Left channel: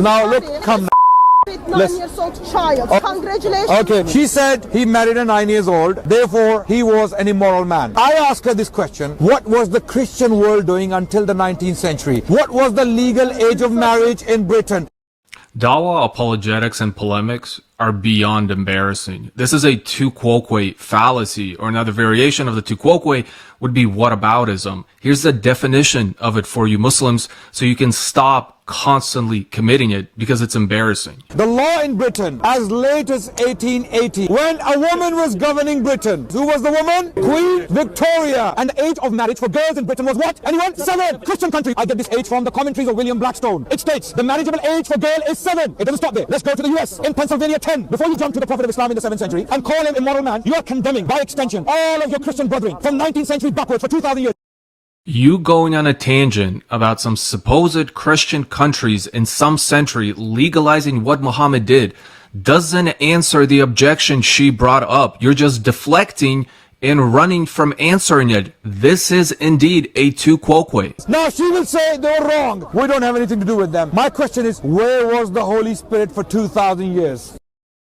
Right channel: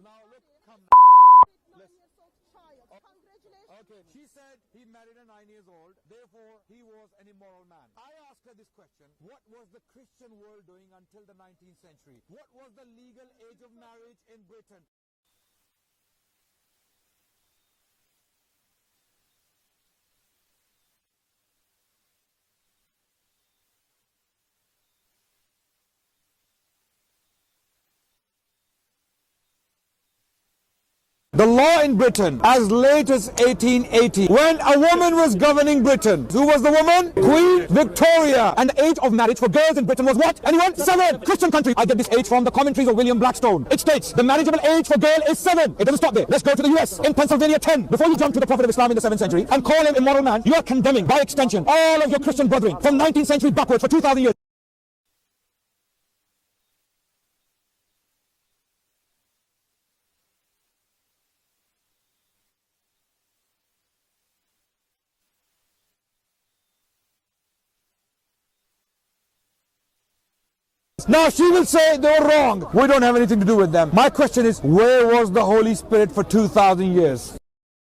Now look, come. With 9-year-old child. Congratulations. Okay, she said he married a 9 years old, therefore he was an immoral man. I asked her this question: what was the Christian world doing until the 19th century? What was the legal age of marriage in Britain? Dawa apologetics and polemics are beyond embarrassing. This is a tu quoque fallacy, or another variation of the tu quoque would be whataboutism. Here's the definition of it for you Muslims so you can stop constantly committing it because it's embarrassing. The law in Britain as late as 1880, when a woman was governing Britain. Who was the woman? Queen Victoria. And the age of marriage for girls in Britain was what? Anyone? 7. Christian country. I get this age from the commentaries of William Blackstone. It states the marriageable age for girl is 7. It doesn't stop there. Let's go to the US. In Pennsylvania, 10. Before you jump to the Prophet of Islam in the 7th century and call him immoral man, you are condemning by extension all of your Christian brethren from 19th century backwards for 2,000 years. You going on a tangent about some supposed Christian countries in some century legalizing what Muhammad did doesn't answer the objection she brought up. You're just deflecting and running from answering it. This is indeed a tu quoque. Now she will say they were wrong. We don't have anything to do with them. My question is, where was the Holy Spirit for 2,000 years?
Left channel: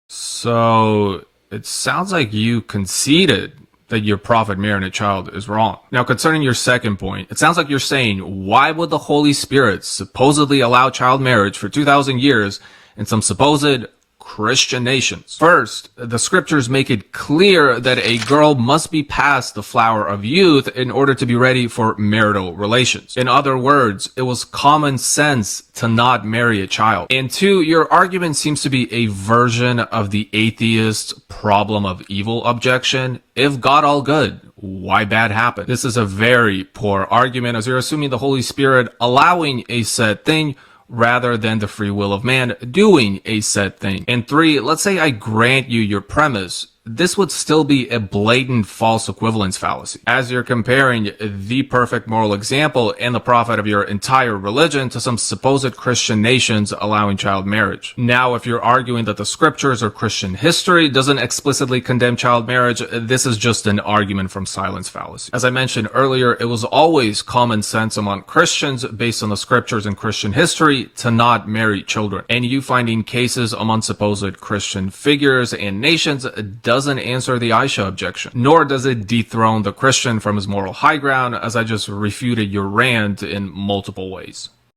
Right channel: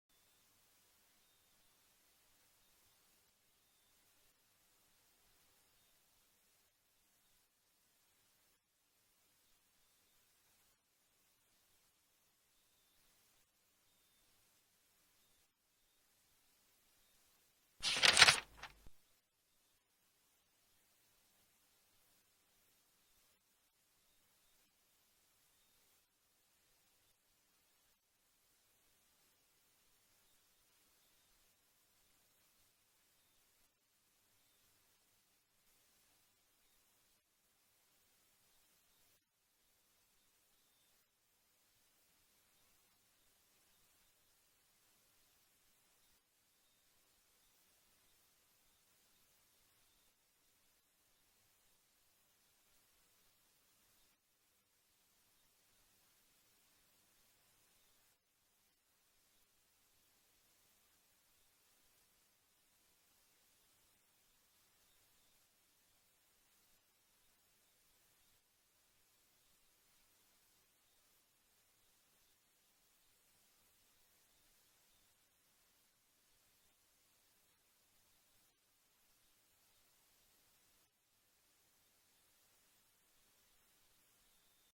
So it sounds like you conceded that your prophet marrying a child is wrong. Now, concerning your second point, it sounds like you're saying, why would the Holy Spirit supposedly allow child marriage for 2,000 years in some supposed Christian nations? First, the scriptures make it clear that a girl must be past the flower of youth in order to be ready for marital relations. In other words, it was common sense to not marry a child. And two, your argument seems to be a version of the atheist problem of evil objection. If God all good, why bad happen? This is a very poor argument, as you're assuming the Holy Spirit allowing a said thing rather than the free will of man doing a said thing. And three, let's say I grant you your premise. This would still be a blatant false equivalence fallacy, as you're comparing the perfect moral example and the prophet of your entire religion to some supposed Christian nations allowing child marriage. Now, if you're arguing that the scriptures or Christian history doesn't explicitly condemn child marriage, this is just an argument from silence fallacy. As I mentioned earlier, it was always common sense among Christians based on the scriptures and Christian history to not marry children. And you finding cases among supposed Christian figures and nations doesn't answer the Aisha objection, nor does it dethrone the Christian from his moral high ground, as I just refuted your rant in multiple ways.